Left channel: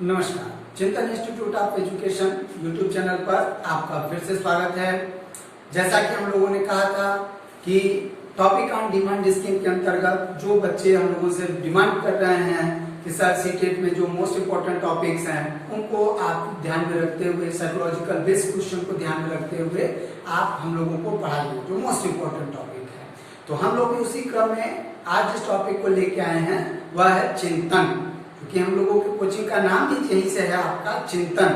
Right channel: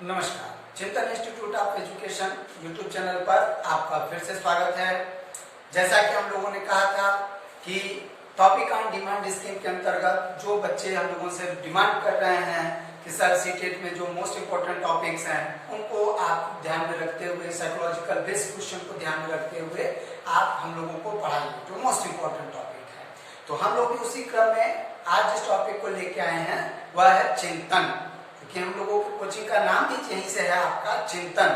नमस्कार, चिंतन institute of education YouTube channel पर आपका फिर से स्वागत है। जैसा कि हम लोगों ने कहा था कि टॉपिक ऑन डिमांड स्कीम के अंतर्गत जो बच्चे हम लोगों से डिमांड कर रहे हैं कि सर सीटेट में जो मोस्ट इम्पोर्टेंट टॉपिक्स हैं उनको आप ध्यान में रखते हुए, साइकोलॉजिकल बेस्ड क्वेश्चन को ध्यान में रखते हुए आप हम लोगों को पढ़ाइए जो मोस्ट इम्पोर्टेंट टॉपिक है। तो हम लोग भी उसी क्रम में आज जिस टॉपिक को लेके आए हैं वह है चिंतन, क्योंकि हम लोगों की कोचिंग का नाम भी यही से है आपका चिंतन।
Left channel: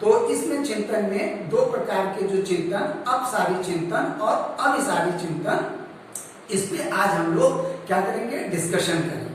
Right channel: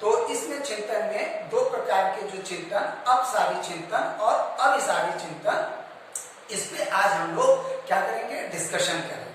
तो इसमें चिंतन में दो प्रकार के जो चिंतन, अपसारी चिंतन और अविसारी चिंतन, इस पे आज हम लोग क्या करेंगे, डिस्कशन करेंगे।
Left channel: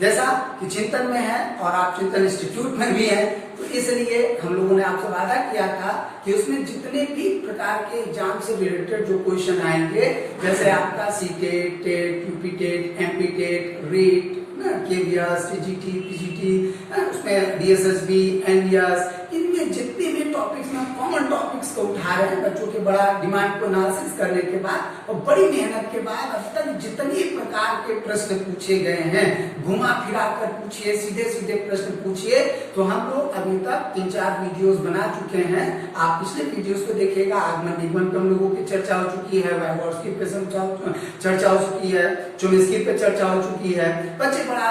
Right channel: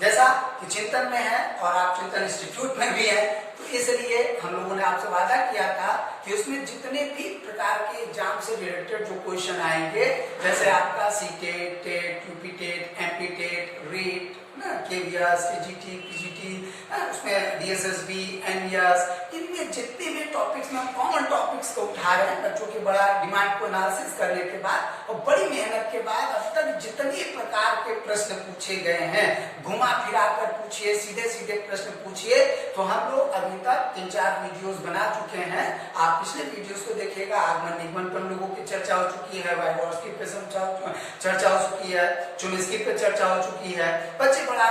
जैसा कि चिंतन में है और आप चिंतन इंस्टीट्यूट में भी है, तो इसलिए हम लोगों ने आपसे वादा किया था कि उसमें जितने भी प्रकार के एग्जाम से रिलेटेड जो क्वेश्चन आएंगे, जैसे आपका CTET, TET, UP TET, MP TET, REET, KVS, TGT, PGT, उसमें डीएसएसबी, एनवीएस, इनमें जितने भी टॉपिक्स में कॉमन टॉपिक्स को उठा रहे हैं बच्चों के बड़ा डिमांड को एनालिसिस करने के बाद और बड़ी मेहनत के बाद अब तक जितने प्रकार के प्रश्न पूछे गए हैं, घुमा फिरा कर पूछिए, सीधे सीधे प्रश्न पूछिए, तो हम लोग अभी तक 3-4 वीडियोस बना चुके हैं। आप पिछले वीडियोस को देखिएगा, आगमन निगमन पर हम लोगों की चर्चा हो चुकी है, वाइगोर्स्की पे चर्चा हो चुकी है, चुमिस्की पे चर्चा हो चुकी है। बच्चे बड़ा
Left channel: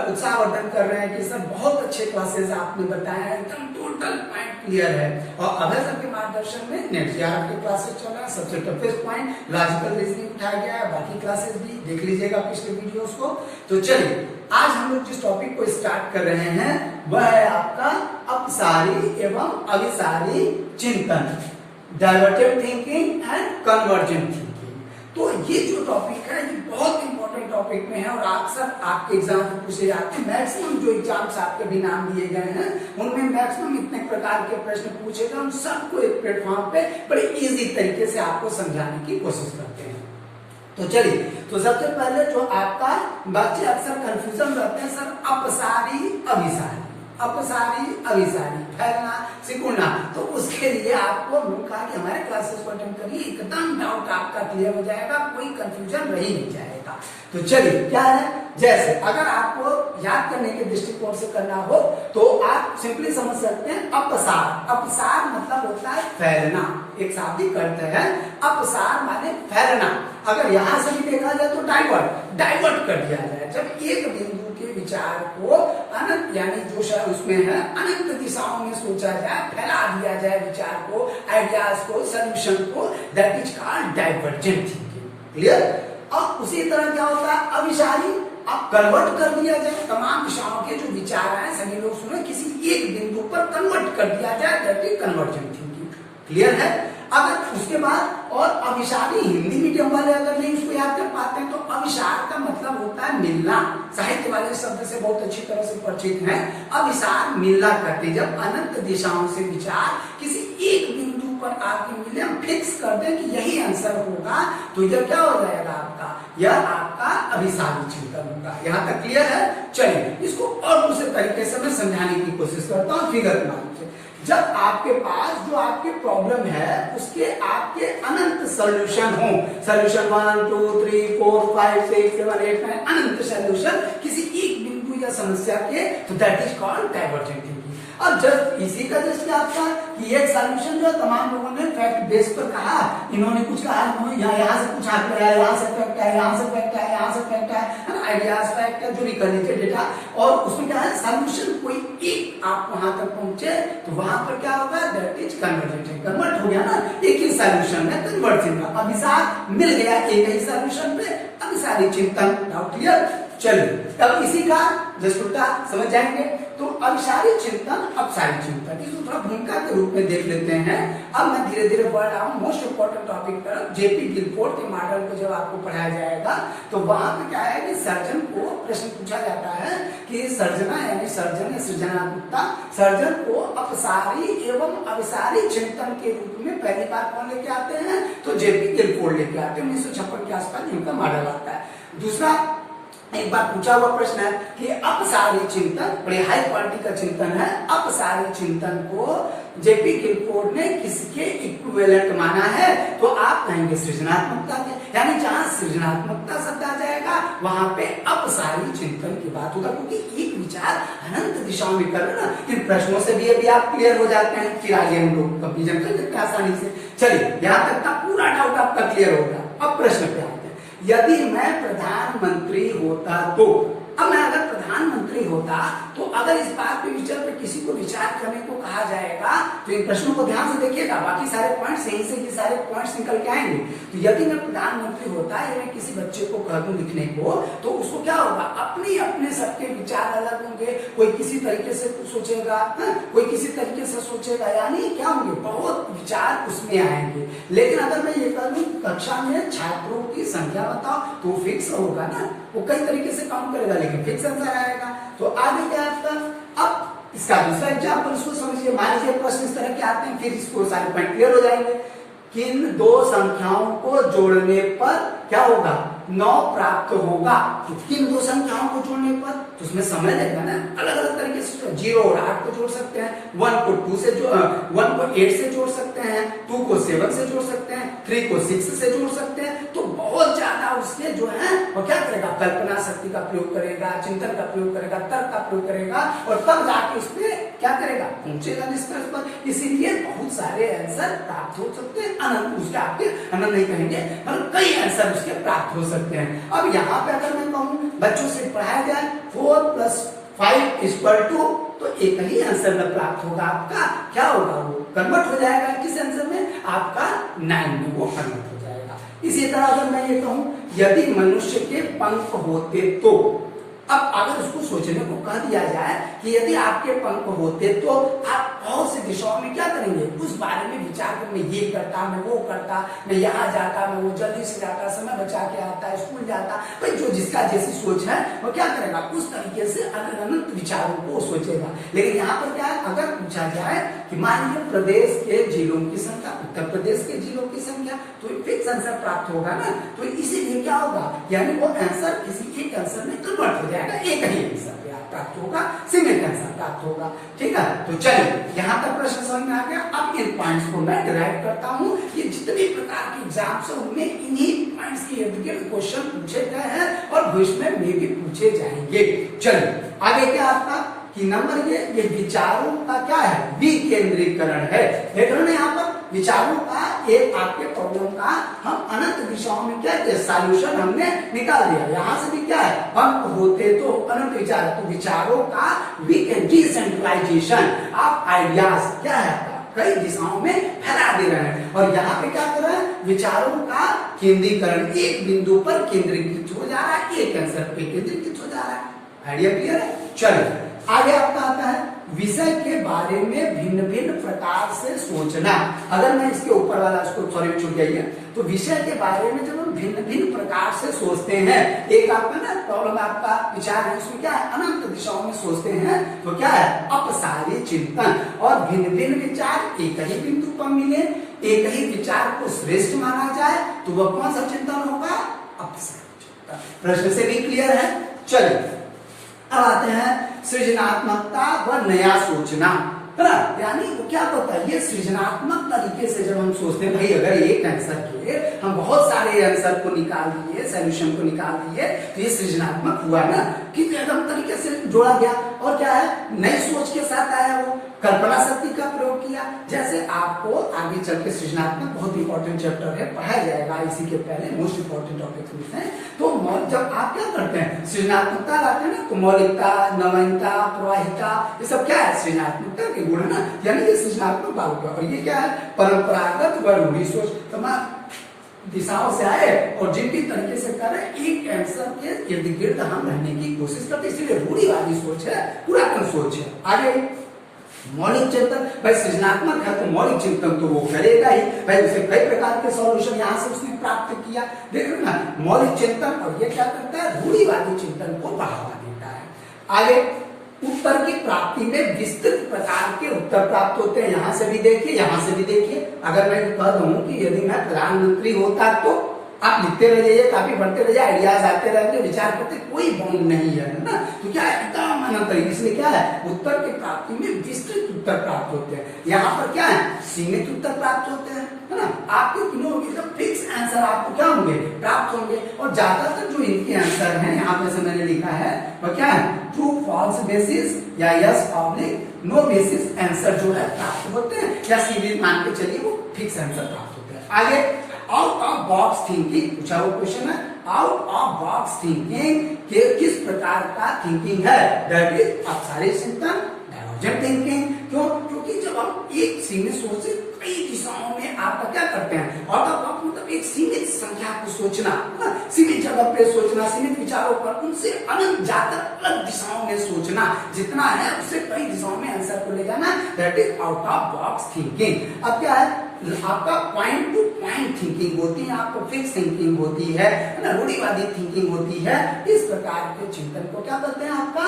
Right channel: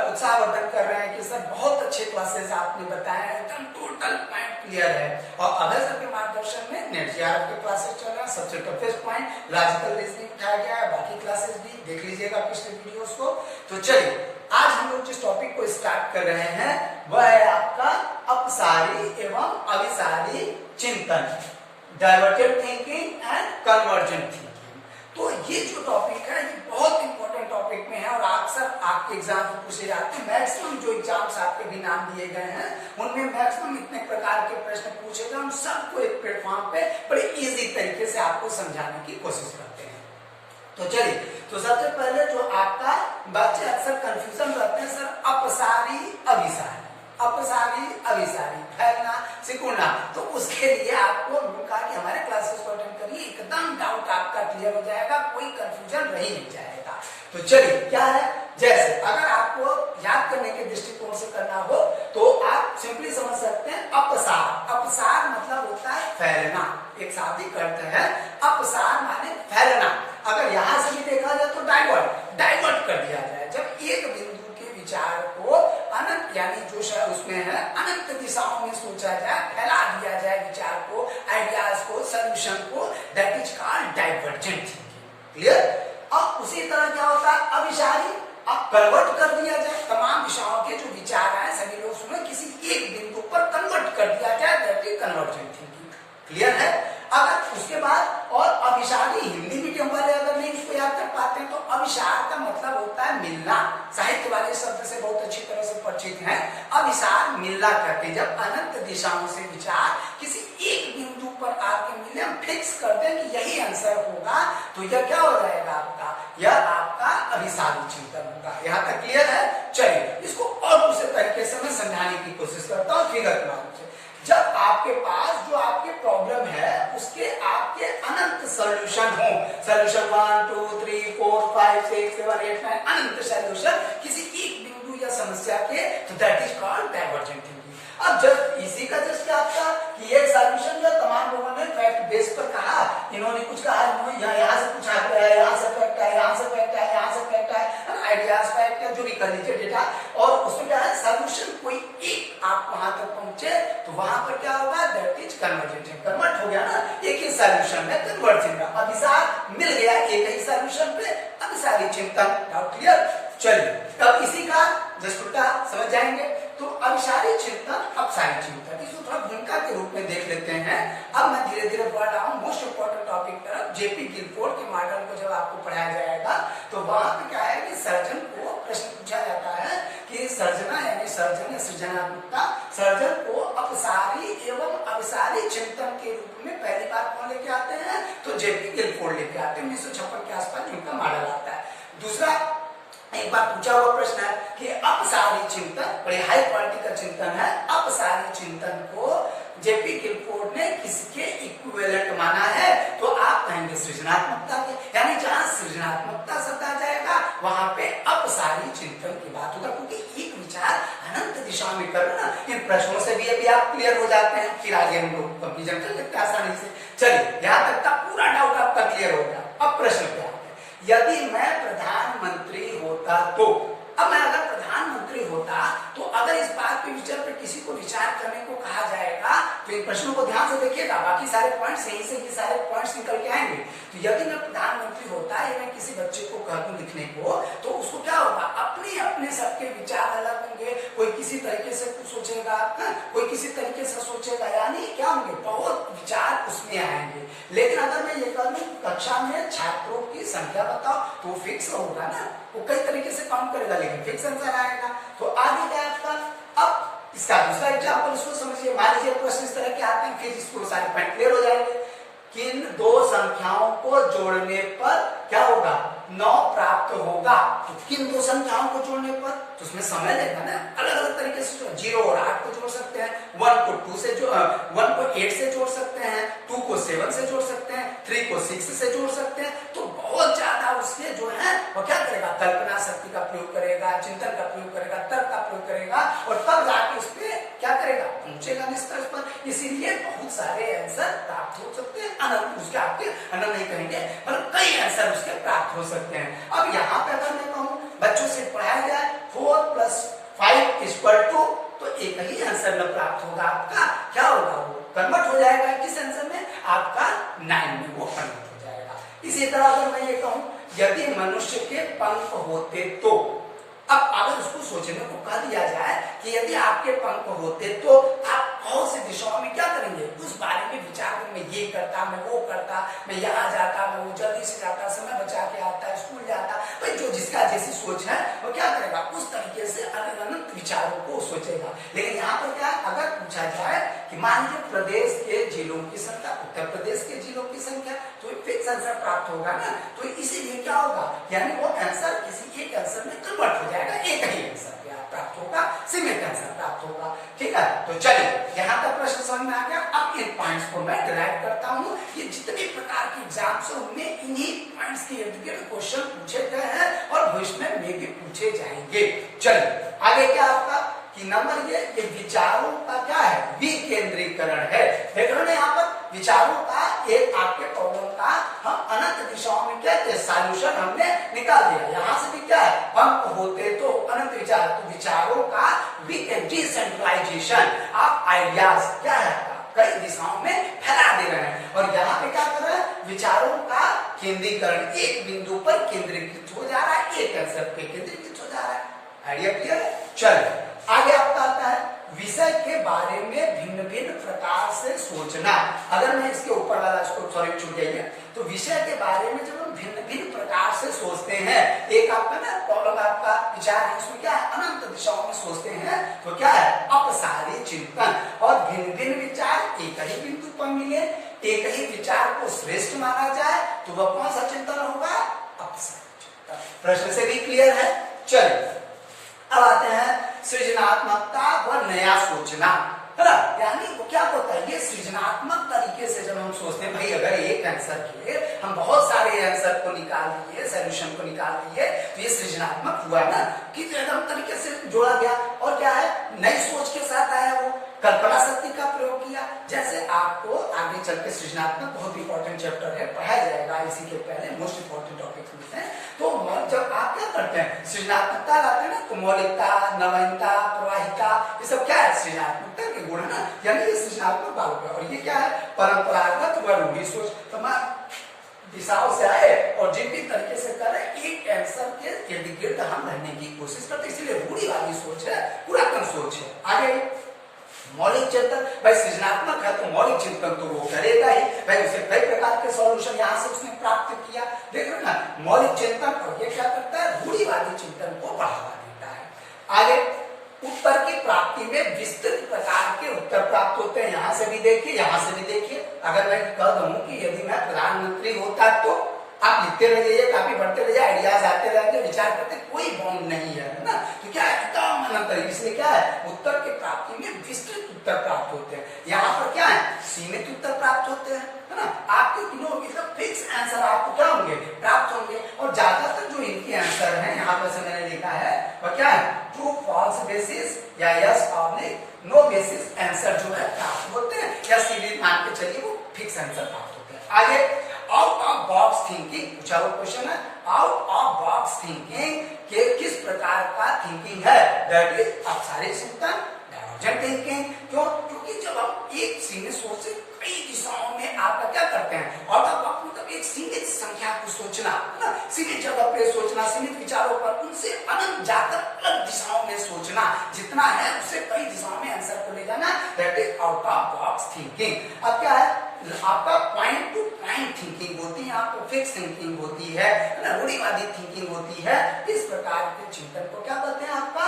उत्साहवर्धन कर रहे हैं कि सर बहुत अच्छे क्लासेस आपने बताए हैं, एकदम टोटल पॉइंट क्लियर है। और अभय सर के मार्गदर्शन में नेट जेआरएफ के क्लासेस चल रहा है, सबसे टफेस्ट पॉइंट लॉजिकल रीजनिंग उठाया गया है, बाकी क्लासेस भी देख लीजिएगा पिछले वीडियोस को। तो चलिए आज हम लोग जिस टॉपिक को स्टार्ट कर रहे हैं वह है आपका अपसारी एवं अविसारी चिंतन, divergent thinking and convergent thinking. तो ये जो टॉपिक है ये बहुत इंपॉर्टेंट टॉपिक में है और अक्सर आपके एग्जाम में पूछे जाते हैं। मैक्सिमम जो एग्जाम्स आपके भी नाम दिए गए हैं उनमें मैक्सिमम इतने प्रकार के प्रश्न पूछे गए, उन सबको एक प्लेटफॉर्म पे बड़े इजी तरीके से आपको समझाने की कोशिश करते हैं। तो चलिए, तो सबसे पहले जो आपका बच्चे अक्सर कंफ्यूजन रहते हैं, सर अपसारी अभिसारी, अपसारी अभिसारी, फैलना सिकुड़ना, तो उसके लिए आपको कहा कि हमारे क्लासेस को अटेंड करिए, एकदम डाउट आपका क्लियर हो जाएगा, कोई कंफ्यूजन रही नहीं जाएगा। तो चलिए क्या है, जैसे अगर आपको याद करने के दृष्टिकोण से करना हो तो आप सिंपली समझ सकते हैं अपसार। अपसार मतलब होता है फैलना, एक शाब्दिक अर्थ है अपसार माने फैलना। अगर यहां से भी देखा जाए तो डाइवर्ट कर दिया जाए, जब एक बिंदु के विचार को अनंत यानी जो उसमें है अनंत दिशाओं में सोचा जाए, फैला दिया जाए विचार को, आइडियाज को, सोल्यूशन को, that is called divergent thinking. Clear. अब उसी तरह क्या होता है अविसारी, अब कन्वर्ट कर दिया जाए, तमाम दिशाओं के जो विचार हैं सभी लोग सुनो किसी एक बिंदु पर कन्वर्ट कर दिया जाए, that is convergent thinking. Clear है। अगर उसके बाद और अविसारी, हिंदी मीडियम वाले अगर नहीं उसको याद कर पाते हैं तो अविसार का मतलब होता है मिलना, साहित्य वाले शब्द से बहुत अच्छी तरह से परिचित हैं। अविसार मिलना करते हैं, जब अनंत दिशाओं से विचार किसी एक बिंदु पर आके मिले, हम फिक्स कर दें कि यही आंसर होगा, तो यह क्या हो जाएगा आपका, यह आपका अभिसारी चिंतन होगा। यहाँ तक क्लियर है। चलिए इसको और दूसरे तरीके से मैं समझाने की कोशिश करता हूँ फिगर के माध्यम से। जब आपके पास जो आपके प्रॉब्लम है उसके आपके अनंत सोल्यूशन हो, सोल्यूशन 1 2 3 4 5 6 7 8 9 अनंत सोल्यूशन किसी एक बिंदु या समस्या के, तो that is called divergent thinking. अब जब इसी का दृष्टि आपका कि एक सोल्यूशन जो तमाम लोगों ने फैक्ट बेस पर कहा, इन्होंने कुछ कहा, यहाँ से कुछ आंकड़ा है, यहाँ से फैक्ट है, यहाँ से फैक्ट है, यहाँ से फैक्ट है, आइडियाज फैक्ट है, जो भी कर लीजिए डेटा, और उसमें क्या है सोल्यूशन कोई एक आप वहां तक पहुंचे तो वहां पर क्या होगा, दैट इज कन्वर्जेंट, कन्वर्ट हो गया ना, एक ही सोल्यूशन में कन्वर्ट होगा, अभिसार मिल गया एक ही सोल्यूशन पे, अभिसारी चिंतन। Doubt clear. चलिए अब इसी का जस्ट उल्टा समझ जाएंगे। तो अभिसारी चिंतन अपसारी चिंतन, इसको थोड़ा भूमिका के रूप में देख लेते हैं। अब मैं धीरे धीरे बढ़ रहा हूँ मोस्ट इम्पोर्टेंट टॉपिक तरफ। जेपी गिलफोर्ड के मॉडल को जब आपको पढ़ाया जाएगा तो वहां पे क्या है कि सर्जन को प्रश्न पूछा जाता है कि सर्जना यानी सर्जन या सृजनात्मकता, सर्जन को अपसारी एवं अभिसारी चिंतन के रूप में पहली बार कौन लेके आते हैं, तो जेपी गिलफोर्ड लेके आते हैं। 1956 के आसपास इनका मॉडल आता है। दूसरा एक बार पूछा हुआ प्रश्न है कि अपसारी चिंतन, बड़ी हाई क्वालिटी का चिंतन है, अपसारी चिंतन को जेपी गिलफोर्ड ने किसके इक्विवेलेंट माना है? तो आप कहेंगे सृजनात्मकता के, यानी जहां सृजनात्मकता शब्द आ जाएगा वहां पे अपसारी चिंतन की बात होगा, क्योंकि एक विचार अनंत दिशा में कर ना। इन प्रश्नों से भी अभी आप क्लियर हो जाते हैं, फिर आगे हम लोग कंफ्यूजन कर लेते हैं आसानी से। चलिए, यहाँ तक का पूरा डाउट आपका क्लियर हो गया। अब प्रश्न पे आते हैं, यदि मैं प्रधानमंत्री होता तो, अब मैं अगर प्रधानमंत्री होता तो अगर इस बात पे विचार पे किसी को विचार करने को कहा जाएगा तो इन प्रश्नों को ध्यान से देखिएगा, बाकी सारे पॉइंट्स सही से ये सारे पॉइंट्स निकल के आएंगे। तो यदि मैं प्रधानमंत्री होता या मैं किसी बच्चे को कह दूं लिखने को, तो उसको क्या होगा, अपने अपने सबके विचार अलग होंगे, कोई किसी तरीके से सोचेगा, कोई किसी तरीके से सोचेगा, यानी क्या होंगे, बहुत विचार उसमें आएंगे। लेकिन अगर मैं ये कह दूं कक्षा में छात्रों की संख्या बताओ तो फिक्स होगा ना, वो कई तरीके से काम करेगा लेकिन फिक्स आंसर आएगा। तो आगे क्या आपका, अब इसका दूसरा एग्जाम्पल इसको समझिए। मान लीजिए प्रश्न इस तरह के आते हैं, फिर इसको सारे पॉइंट क्लियर हो जाएंगे। किन दो संख्याओं को जोड़ने पर क्या होगा, 9 प्राप्त होगा। तो किन दो संख्याओं को जोड़ने पर, तो उसमें समय लगेगा ना, अलग अलग तरीके से 0 और 8 को जोड़ सकते हैं, 1 को 8 से जोड़ सकते हैं, 2 को 7 से जोड़ सकते हैं, 3 को 6 से जोड़ सकते हैं। तो बहुत ज्यादा उसके जो है वो क्या करेगा, कल्पना शक्ति का प्रयोग करेगा, चिंतन का प्रयोग करेगा, तर्क का प्रयोग करेगा, और तब जाके उसमें क्या करेगा, पहुंचेगा निष्कर्ष पर। इसीलिए बहुत सारे आंसर प्राप्त हो सकते हैं, अनंत उसके आपके अनंत नहीं कहेंगे पर कई आंसर उसके प्राप्त हो सकते हैं। अब यहाँ पे अगर मैं कहूँ बच्चों से पढ़ाया जाए 4 + 5 = तो एक ही आंसर में प्राप्त होगा आपका, क्या होगा, वो कन्वर्ट हो जाएगा किस आंसर में, आपका 9 में वो कन्वर्ट हो जाएगा। इसी तरह अगर मैं ये कहूं यदि मनुष्य के पंख होते तो, अब अगर उसको सोचने को कह दिया जाए कि यदि आपके पंख होते तो आप बहुत सी दिशाओं में क्या करेंगे, उस बारे में विचार कर, मैं ये करता, मैं वो करता, मैं यहाँ जाता, मैं वो जल्दी से जाता, समय बचा के आता, स्कूल जाता। भाई जो जिसका जैसी सोच है वो क्या करेगा, उस तरीके से अनंत विचारों को सोचेगा। लेकिन यहाँ पर क्या है, अगर पूछा जाए कि मान लीजिए प्रदेश के जिलों की संख्या, उत्तर प्रदेश के जिलों की संख्या, तो फिक्स आंसर प्राप्त होगा ना। तो इसीलिए क्या होगा, यानी वो आंसर किसी एक आंसर में कन्वर्ट हो जाएगा, एक ही आंसर प्राप्त होगा, सिंगल आंसर प्राप्त होगा। ठीक है, तो चलिए यहाँ तक प्रश्न समझ में आ गया। अब इन पॉइंट्स को मैं डिराइव करता हूँ, ये जितने प्रकार के एग्जाम्स है उनमें इन्हीं पॉइंट्स के इर्द गिर्द क्वेश्चन पूछे गए हैं और भविष्य में भी पूछे जाएंगे। चलिए आगे क्या आपका कि नंबर ये विचारों का क्या है, विकेंद्रीकरण है। देख रहे हैं यहाँ पर विचारों का एक आपके प्रॉब्लम का हम अनंत दिशाओं में क्या सॉल्यूशन हमने निकाल दिया। यहाँ से भी क्या है, पंख होते तो अनंत विचार, तो विचारों का डिसेंट्रलाइजेशन ऑफ आइडियाज क्या है, कई दिशाओं में फैला दे रहे हैं। और यहाँ पे क्या कर रहे हैं, विचारों का केंद्रीकरण, एक बिंदु पर केंद्रीकृत हो जा रहा है, एक आंसर पे केंद्रीकृत हो जा रहा है। आइडिया क्लियर है। चलिए आगे आपका आता है विषय के बारे में भिन्न भिन्न प्रकार से सोचना। अगर मैं इसके ऊपर वाला इसको सॉरी छूट गई, तो विषय के बारे में जब हम भिन्न भिन्न प्रकार से सोचते हैं, एक आपका ना प्रॉब्लम आपका विचार है, इसमें क्या है, अनंत दिशाओं में सोचते हैं, तो क्या है, अपसारी चिंतन। और भिन्न भिन्न विचार एक ही बिंदु पर मिले, एक ही विचार को श्रेष्ठ माना जाए, तो वह कौन सा चिंतन होगा, अपसारी चिंतन। प्रश्न से भी क्लियर है। चलिए अब आते हैं सृजनात्मकता व नया सोचना, है ना, यानी वो क्या होता है, ये सृजनात्मक तरीके से जब हम सोचते हैं, भाई अगर एक आंसर के हम बहुत सारे आंसर को निकाल दिए, सॉल्यूशन को निकाल दिए, तो ये सृजनात्मक हुआ ना, कि एकदम तरीके से जोड़ा गया। और क्या है, नई सोच के साथ आया, वो कल्पना शक्ति का प्रयोग किया। जैसे आपको आगे चल के सृजनात्मक बहुत इंपॉर्टेंट चैप्टर है, पढ़ाया जाएगा इसी के पहले, मोस्ट इंपॉर्टेंट टॉपिक में है। तो जब आप क्या करते हैं, सृजनात्मकता लाते हैं ना, तो मौलिकता, नवीनता, प्रवाहिता, ये सब क्या है, सृजनात्मकता के गुण है ना, यानी ये सृजनात्मक भाव का। और ये क्या है, परंपरागत व रूढ़ी सोच, तमाम दिशाओं से आए और जिन भी तरीके से कर रहे, एक आंसर के इर्द गिर्द हम रहने की कोशिश करते, इसलिए रूढ़िवादी सोच है, पुरातन सोच है। आगे मौलिक चिंतन, भाई सृजनात्मक है तो मौलिक चिंतन तो वो करेगा ही, भाई उसे कई प्रकार के सॉल्यूशन यहाँ से उसने प्राप्त किया, देख रहे ना, मौलिक चिंतन। और ये क्या करता है, रूढ़िवादी चिंतन को बढ़ावा देता है। आगे उत्तर की प्राप्ति में विस्तृत प्रकार के उत्तर प्राप्त होते हैं, यहाँ से भी देखिए, यहाँ से भी देखिए। अगर मैं कह दूं कि यदि मैं प्रधानमंत्री होता तो आप लिखते रह जाइए, काफी बढ़ते रहिए, आइडियाज आते रहेंगे, विचार करते, कोई बाउंड नहीं है ना। तो क्या है, एकदम अनंत है। इसलिए क्या है, उत्तर की प्राप्ति में विस्तृत उत्तर प्राप्त होते हैं। यहाँ पर क्या है, सीमित उत्तर प्राप्त होते हैं, है ना। आपके तीनों एकदम फिक्स आंसर आपको क्या होंगे, प्राप्त होंगे। और ज्यादातर जो इनके आंसर हैं यहाँ पे से मैंने लिखा है वह क्या है, ट्रू फॉल्स बेसिस या yes oblique no basis answer जो है प्राप्त होते हैं, या सीधे मान के चलिए वो फिक्स आंसर प्राप्त होते हैं। आगे आउट ऑफ बॉक्स थिंकिंग पूछा हुआ क्वेश्चन है, आउट ऑफ बॉक्स थिंकिंग के किस प्रकार का थिंकिंग है, दैट इज अपसारी चिंतन, डायवर्जेंट थिंकिंग। क्यों, क्योंकि जब हम एक सीमित सोच से कई दिशाओं में आपका क्या करते हैं, आउट ऑफ बॉक्स मतलब एक सीमित संख्या को सोचना, सीमित जगह पे सोचना, सीमित विचारों पर, उनसे अनंत जाकर अलग दिशाओं में सोचना, जितना है उससे कई दिशाओं में आंसर को ले जाना, that is out of box thinking. अब क्या है, आपका पॉइंट टू पॉइंट थिंकिंग होती है, आपको फिक्स थिंकिंग होती है ना, रूढ़िवादी थिंकिंग होती है। इस प्रकार के चिंतन को क्या कहते हैं, आपका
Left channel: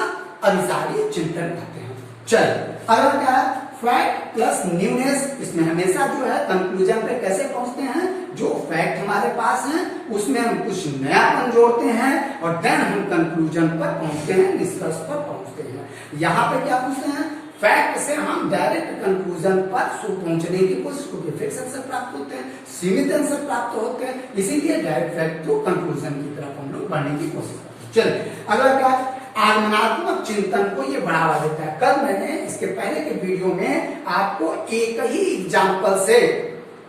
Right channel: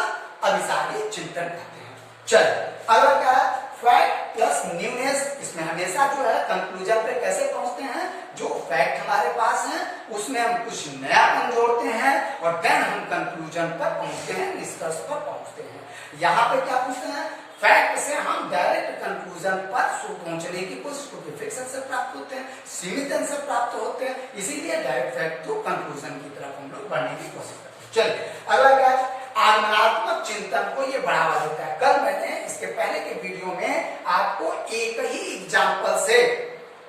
अभिसारी चिंतन कहते हैं। चल अगला क्या है, फैक्ट प्लस न्यूनेस। इसमें हमेशा जो है कंक्लूजन पे कैसे पहुंचते हैं, जो फैक्ट हमारे पास है उसमें हम कुछ नयापन जोड़ते हैं और देन हम कंक्लूजन पर पहुंचते हैं, निष्कर्ष पर पहुंचते हैं। यहाँ पे क्या पूछते हैं, फैक्ट से हम डायरेक्ट कंक्लूजन पर पहुंचने की कोशिश करते, फिक्स आंसर प्राप्त होते हैं, सीमित आंसर प्राप्त होते हैं, इसीलिए डायरेक्ट फैक्ट टू कंक्लूजन की तरफ हम लोग बढ़ने की कोशिश करते हैं। चलिए अगला क्या, आगमनात्मक चिंतन को ये बढ़ावा देता है। कल मैंने इसके पहले के वीडियो में आपको एक ही एग्जाम्पल से,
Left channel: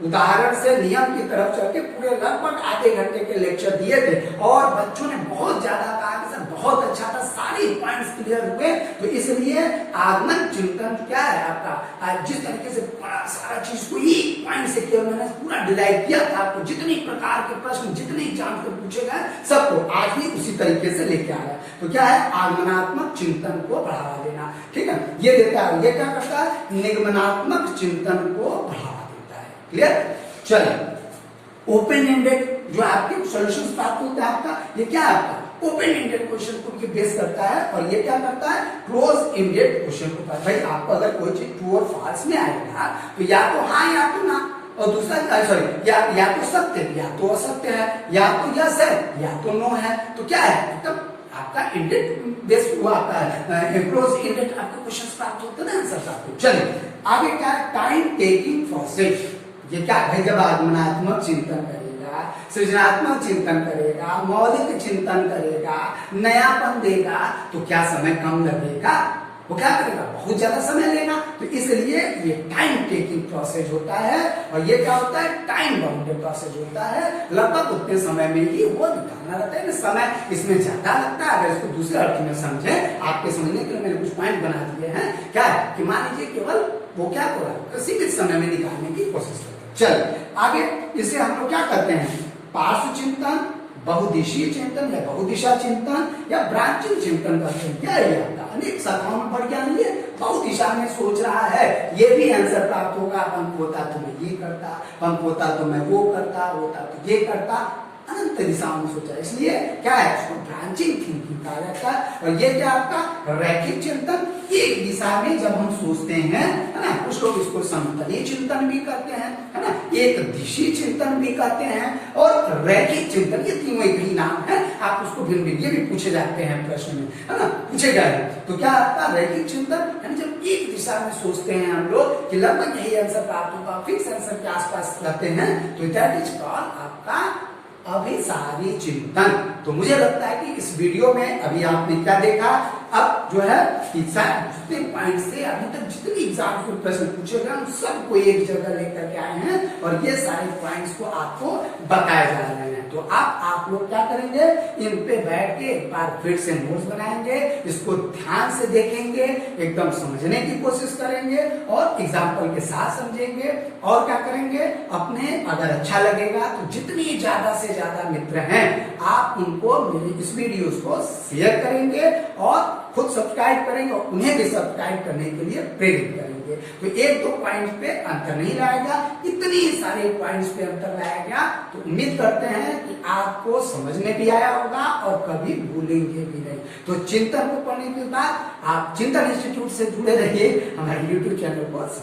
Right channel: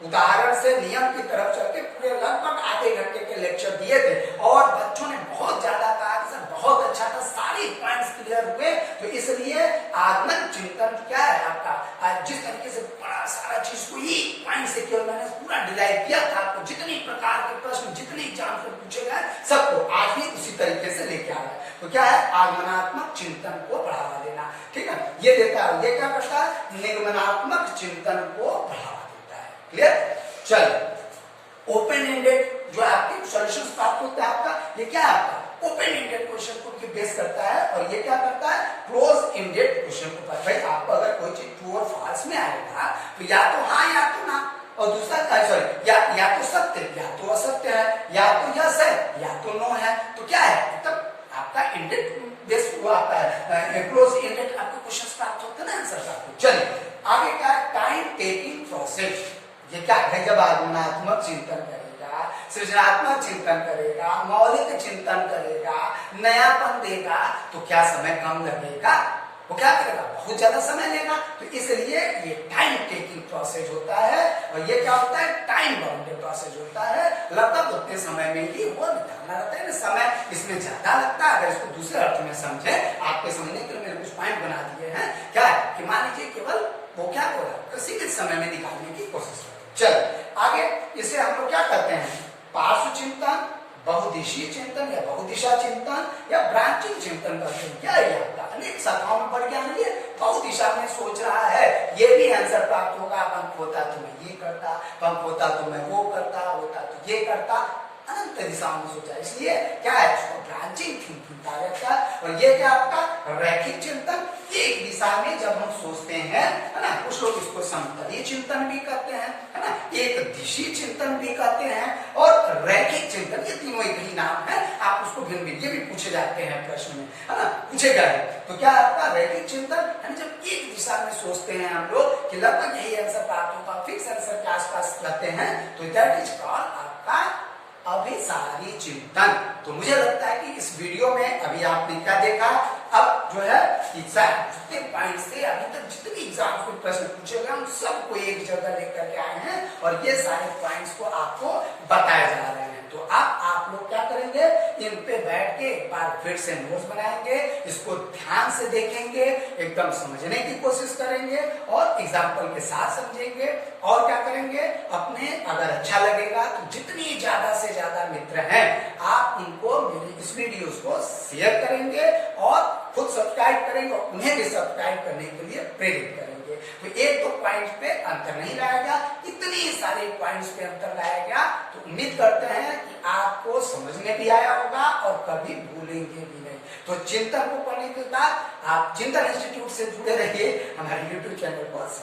उदाहरण से नियम की तरफ चल के पूरे लगभग आधे घंटे के लेक्चर दिए थे और बच्चों ने बहुत ज्यादा कहा कि सर बहुत अच्छा था, सारे पॉइंट्स क्लियर हुए। तो इसलिए आगमन चिंतन क्या है आपका, जिस तरीके से बड़ा सारा चीज को ही पॉइंट से केवल मैंने पूरा डिलाइट किया था आपको, जितनी प्रकार के प्रश्न जितने एग्जाम से पूछे गए सबको आज भी उसी तरीके से लेके आ रहा है। तो क्या है, आगमनात्मक चिंतन को बढ़ावा देना, ठीक है, ये देता है। ये क्या करता है, निगमनात्मक चिंतन को बढ़ावा देता है। क्लियर, चलिए ओपन एंडेड जो आपके सॉल्यूशंस प्राप्त होते हैं आपका, ये क्या है आपका ओपन एंडेड क्वेश्चन को बेस करता है, और ये क्या करता है, क्लोज एंडेड क्वेश्चन को। भाई आपको अगर कोई चीज ट्रू और फॉल्स में आएगा तो या तो हाँ या तो ना, और दूसरा सॉरी या तो सत्य या तो असत्य है, या तो यस है या तो नो है। तो क्या है, मतलब आपका इंडेड बेस हुआ आपका है, क्लोज एंडेड आपको क्वेश्चंस प्राप्त होते हैं ना, आंसर प्राप्त होते। चलिए आगे क्या है, टाइम टेकिंग प्रोसेस। ये क्या है, जब आगमनात्मक चिंतन करेगा, सृजनात्मक चिंतन करेगा, मौलिक चिंतन करेगा, नयापन देगा, तो क्या समय कम लगेगा, वो क्या करेगा, बहुत ज्यादा समय लेना। तो इसलिए ये टाइम टेकिंग प्रोसेस होता है, और ये क्या होता है, टाइम बाउंडेड प्रोसेस होता है। लगभग उतने समय में ही वो दिखाना रहता है, समय इसमें ज्यादा लगता है। अगर इसको दूसरे अर्थ में समझे, आपके समझने के लिए मैंने कुछ पॉइंट बना दिए हैं। क्या है कि मान लीजिए केवल वो क्या हो रहा है, सीमित समय में निकालने की कोशिश करते हैं। चल आगे, इसे हम लोग क्या करते हैं, पार्श्व चिंतन, बहुदिशीय चिंतन या बहुदिशा चिंतन या ब्रांचिंग चिंतन करते हैं। क्या है आपका, अनेक शाखाओं में बढ़ के आएंगे, बहुदिशा में सोच रहा है, ये भी आंसर प्राप्त होगा। पंख होता तो मैं ये करता, पंख होता तो मैं वो करता, होता तो ये करता, अनंत दिशाओं में सोचा। इसलिए क्या है, उसको ब्रांचिंग थिंकिंग कहा जाता है। और ये क्या आपका रैखिक चिंतन, एक दिशा में जब हम सोचते हैं, है ना, कुछ लोग इसको समतलीय चिंतन भी कहते हैं, है ना, एक दिशी चिंतन भी कहते हैं, और रैखिक चिंतन, ये तीनों एक ही नाम है। आप उसको भिन्न भिन्न, ये भी पूछे जाते हैं प्रश्न में, है ना, पूछे गए। तो क्या आपका रैखिक चिंतन, जब एक दिशा में सोचते हैं हम लोग कि लगभग यही आंसर प्राप्त होगा, फिक्स आंसर के आसपास रहते हैं, तो दैट इज कॉल्ड आपका अभिसारी चिंतन। तो मुझे लगता है कि इस वीडियो में अभी आपने क्या देखा, अब जो है जितने पॉइंट से अभी तक जितने एग्जाम के प्रश्न पूछे गए हम सबको एक जगह लेकर के आए हैं, और ये सारे पॉइंट्स को आपको बताए जा रहे हैं। तो आप लोग क्या करेंगे, इन पे बैठ के एक बार फिर से नोट्स बनाएंगे, इसको ध्यान से देखेंगे, एकदम समझने की कोशिश करेंगे, और एग्जाम्पल के साथ समझेंगे। और क्या करेंगे, अपने अगर अच्छा लगेगा तो जितनी ज्यादा से ज्यादा मित्र हैं आप उनको मेरे इस वीडियोस को शेयर करेंगे, और खुद सब्सक्राइब करेंगे, और उन्हें भी सब्सक्राइब करने के लिए प्रेरित करेंगे। तो एक दो पॉइंट पे अंतर नहीं लाएगा, इतनी सारे पॉइंट्स पे अंतर लाएगा। तो उम्मीद करते हैं कि आपको समझ में भी आया होगा और कभी भूलेंगे भी नहीं। तो चिंतन को पढ़ने के बाद आप चिंतन इंस्टीट्यूट से जुड़े रहिए, हमारे यूट्यूब चैनल पर।